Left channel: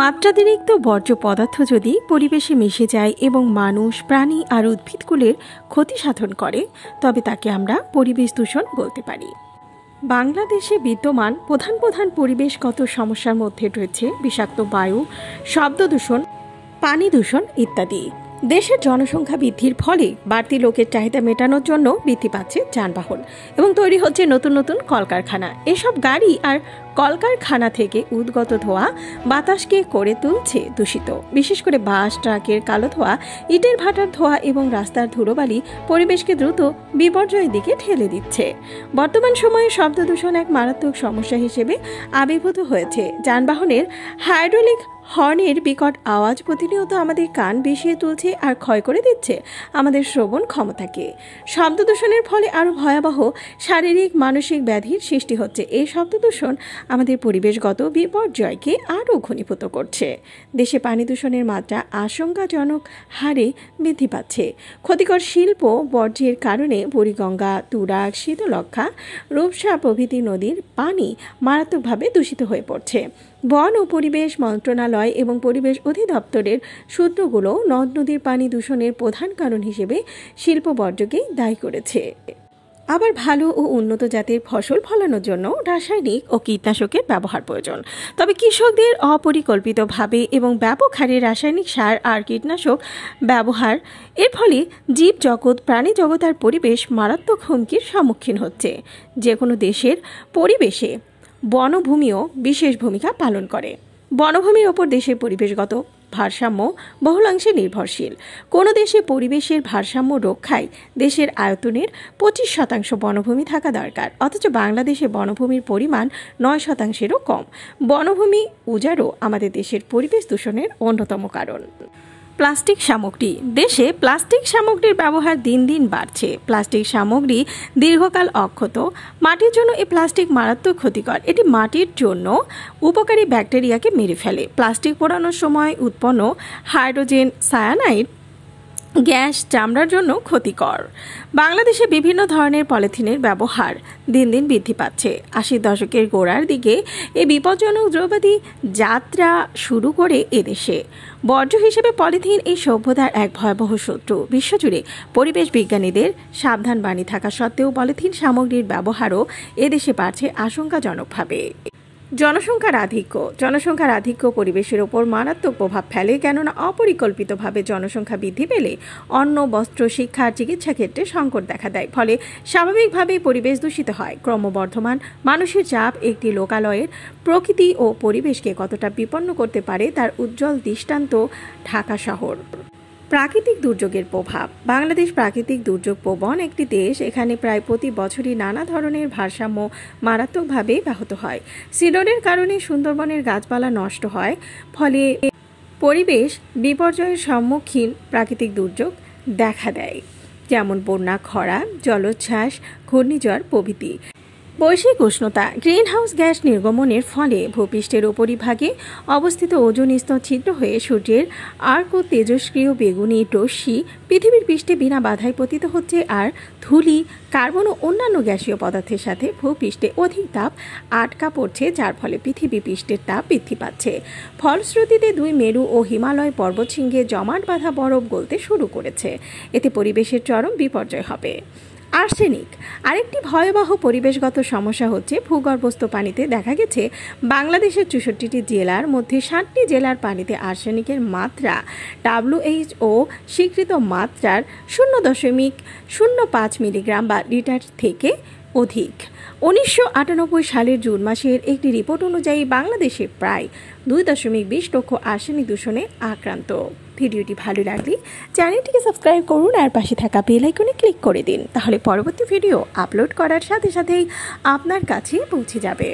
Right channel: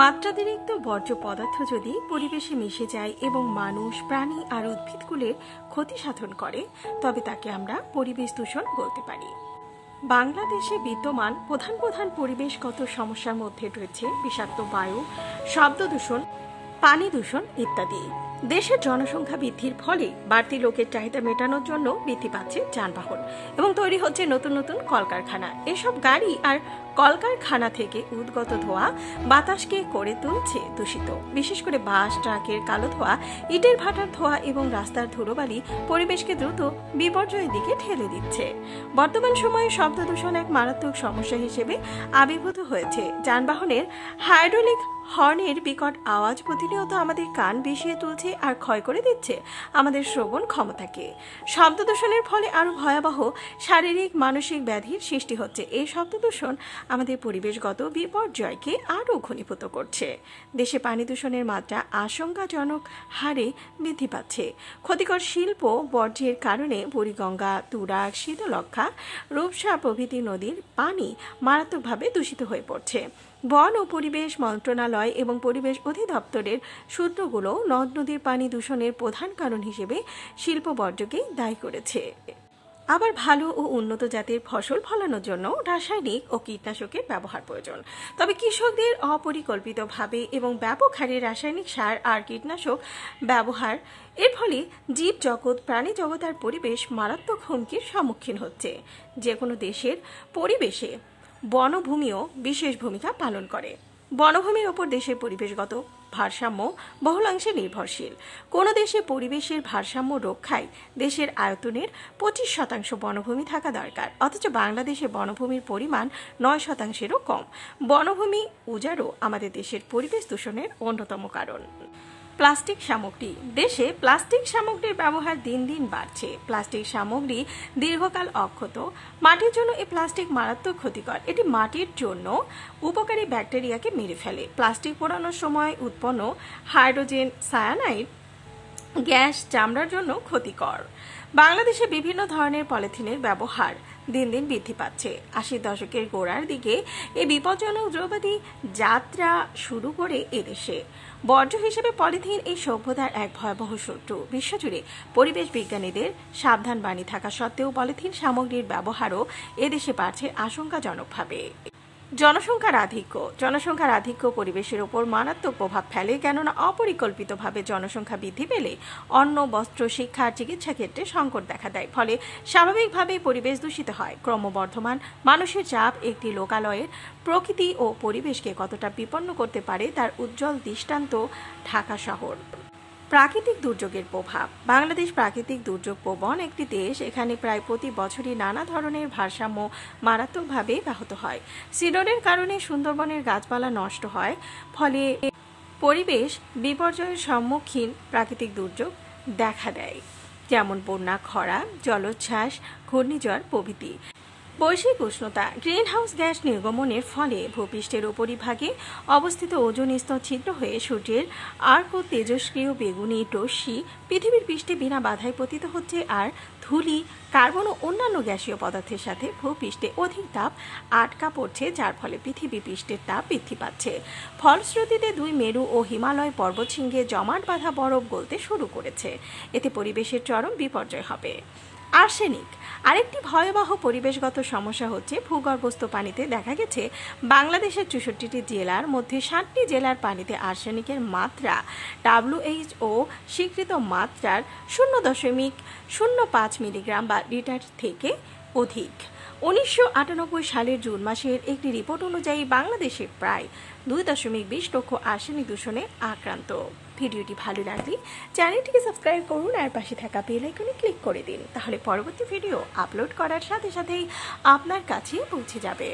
মাত্রাতিরিক্ত বর্জ্য পদার্থ যদি পরিবেশে মিশে যায় এবং মানুষ, প্রাণী আর উদ্ভিদকুলের ক্ষতি সাধন করে, তবে তাকে আমরা পরিবেশ দূষণ বলতে পারি। বাংলাদেশে বিদ্যমান প্রধান প্রধান পরিবেশগত সমস্যার মধ্যে রয়েছে বিষাক্ত বায়ু, শব্দ দূষণ, পানি দূষণ ইত্যাদি। দেশের জনসংখ্যা বৃদ্ধির ফলে বাড়তি লোকের চাহিদা মেটানোর জন্য বৃদ্ধি পাচ্ছে যানবাহন এবং তৈরি হচ্ছে নতুন নতুন কলকারখানা। এসব গাড়ি আর কলকারখানা থেকে উদ্গত ধোঁয়া বাতাসকে করে তুলছে দূষিত। বিশেষ করে বাস, ট্রাকের কালো ধোঁয়া, ইটের ভাটার ধোঁয়া এবং রাস্তার ধুলোবালি পরিবেশকে দ্রুত বিপর্যয়ের দিকে ঠেলে দিচ্ছে। বর্তমান সময়ে শব্দ দূষণ এক মারাত্মক সমস্যা হিসেবে আবির্ভূত হয়েছে। যানবাহনের হাইড্রোলিক হর্নের বিকট আওয়াজ প্রতিনিয়ত আমাদের কান বিষিয়ে তুলছে আর ক্ষয় করে দিচ্ছে আমাদের শ্রবণ ক্ষমতাকে। শব্দ দূষণের ফলে আরো ভয়াবহ শারীরিক মানসিক ব্যাধির সৃষ্টি হচ্ছে। এই শব্দ দূষণ আমাদের পরিবেশগত বিপর্যয়কে আরও ঘনীভূত করছে। দেশে পানি দূষণের মাত্রা আশঙ্কাজনক হারে বৃদ্ধি পাচ্ছে। ক্ষতিকর শিল্প বর্জ্যের কারণে বুড়িগঙ্গা, তুরাগ, শীতলক্ষ্যা, রূপসা প্রভৃতি নদীর পানি মারাত্মকভাবে দূষিত হয়ে পড়ছে। বন ও পরিবেশ মন্ত্রণালয় এবং পরিবেশ অধিদপ্তরের সূত্রগুলো নদ নদীর পানি দূষণের প্রধান কারণ হিসেবে শিল্প বর্জ্যকেই দায়ী করেছে। আবার ভালো ও উন্নত জাতের ফসল ফলানোর জন্য রাসায়নিক ও কীটনাশকের ব্যবহার প্রয়োজন। তবে কৃষকদের অপরিকল্পিতভাবে এবং ব্যাপক হারে রাসায়নিক সার আর কীটনাশক ব্যবহার এর ফলে জীব জগৎ, প্রাণী জগৎ আর পরিবেশ মারাত্মক হুমকির সম্মুখীন হচ্ছে। যে কোনো দেশের পরিবেশে বনভূমিও বিশেষ ভূমিকা পালন করে। বনভূমির ওপর দেশের পরিবেশগত ভারসাম্য বহুলাংশে নির্ভরশীল। কোনো দেশে পরিবেশের ভারসাম্য রক্ষায় দেশের আয়তনের 25% বনভূমি থাকা দরকার, অথচ বাংলাদেশে বনভূমির পরিমাণ 9%-এরও কম। বনভূমি উজাড়ও আমাদের দেশের পরিবেশ দূষণের অন্যতম কারণ। প্লাস্টিক সামগ্রী। দেশে প্লাস্টিক সামগ্রীর ব্যবহার দিন দিন বাড়ছে। প্লাস্টিক সামগ্রী দীর্ঘকাল অক্ষত। মাটির জন্য এই প্লাস্টিক মারাত্মক ক্ষতিকর। এটি মাটির জন্য উপকারী ব্যাকটেরিয়াকে মেরে ফেলে। প্লাস্টিক পোড়ানোর সময় উৎপন্ন হাইড্রোজেন সায়ানাইড গ্যাস চামড়ার জন্য ক্ষতিকর। বাংলাদেশে বিভিন্ন ধরনের পলিথিনের ব্যবহার দিন দিন বৃদ্ধি পাচ্ছে। 80 দশকের গোড়ার দিকে এই বিপজ্জনক দ্রব্যাদি যাত্রা শুরু করে এদেশে। বর্জ্য হিসেবে পলিথিন এই সভ্যতার এক ভয়াবহ শত্রু। বিশ্বজুড়ে পরিবেশ বিজ্ঞানীদের সাবধান বাণী থাকা সত্ত্বেও পলিথিন সামগ্রীর ব্যবহারও এদেশে বাড়ছে আশঙ্কাজনকভাবে। জনসংখ্যার আধিক্য পরিবেশের ওপর মারাত্মক প্রভাব ফেলে, কেননা অপরিকল্পিতভাবে জনসংখ্যা বৃদ্ধি পেলে অন্ন, বস্ত্র, শিক্ষা আর চিকিৎসা ক্ষেত্রে সংকট দেখা দেয়। ফলে স্বাভাবিকভাবেই পরিবেশ দূষিত হয়। ক্রমবর্ধমান মানুষের চাপ একটি লোকালয়ের প্রকৃতি ও পরিবেশকে কতটা বিপন্ন করতে পারে তার উজ্জ্বল দৃষ্টান্ত ঢাকা শহর। প্রাকৃতিক দুর্যোগের প্রভাব। বাংলাদেশ প্রাকৃতিক দুর্যোগ প্রবণ একটি দেশ। এখানে প্রায় প্রতি বছরই নানা ধরনের ভারসাম্য মারাত্মকভাবে ব্যাহত হয়। সিডরের কারণে সুন্দরবনের গাছপালা নষ্ট হয়, ফলে পরিবেশ বিপর্যয়ের সম্মুখীন প্রাকৃতিক দুর্যোগ দেখা দেয়, যেমন বন্যা, খরা, জলোচ্ছ্বাস, ঘূর্ণিঝড় প্রভৃতি। বৈশ্বিক উষ্ণতা। গ্রিনহাউস গ্যাস নির্গমনের ফলে ভূপৃষ্ঠের উপরিভাগে অবস্থিত ওজোন স্তর ছিদ্র হয়ে সূর্যের আর্ক ও তেজস্ক্রিয় বেগুনি রশ্মি পৃথিবীর পৃষ্ঠে বিনা বাধায় পতিত হচ্ছে, আর ধূলি, কার্বন ও অন্যান্য গ্যাসীয় পদার্থের সাথে ভূপৃষ্ঠে অধিক তাপ আটকা পড়ছে, যার ফলে পৃথিবী পৃষ্ঠের তাপ বৃদ্ধি পাচ্ছে। ফলশ্রুতিতে 2 মেরু ও হিমালয় পর্বতশৃঙ্গে জমাট বাঁধা বরফ গলতে শুরু করেছে। এতে পরিবেশের চরম বিপর্যয় হবে। আর্সেনিক। আরেকটি ভয়াবহ পরিবেশগত সমস্যা হচ্ছে ভূগর্ভস্থ পানিতে। দেখা গেছে বাংলাদেশের 64টি জেলার মধ্যে 7টি জেলার পানিতে আর্সেনিকের মাত্রা WHO স্বীকৃত মাত্রার 0.05 মিলিগ্রাম বা লিটার থেকে অধিক। 1998 সালের জুন মাসের একটি রিপোর্ট অনুযায়ী বাংলাদেশে প্রায় 2.20 লক্ষ আর্সেনিক দূষণে আক্রান্ত। ভিডিওটি ভালো লাগলে চ্যানেলটিকে সাবস্ক্রাইব করুন আর পাশে থাকা বেল আইকনে ক্লিক করে দিন, তাহলে পরবর্তী ভিডিও আপলোড করার সাথে সাথেই আপনার কাছে পৌঁছে যাবে।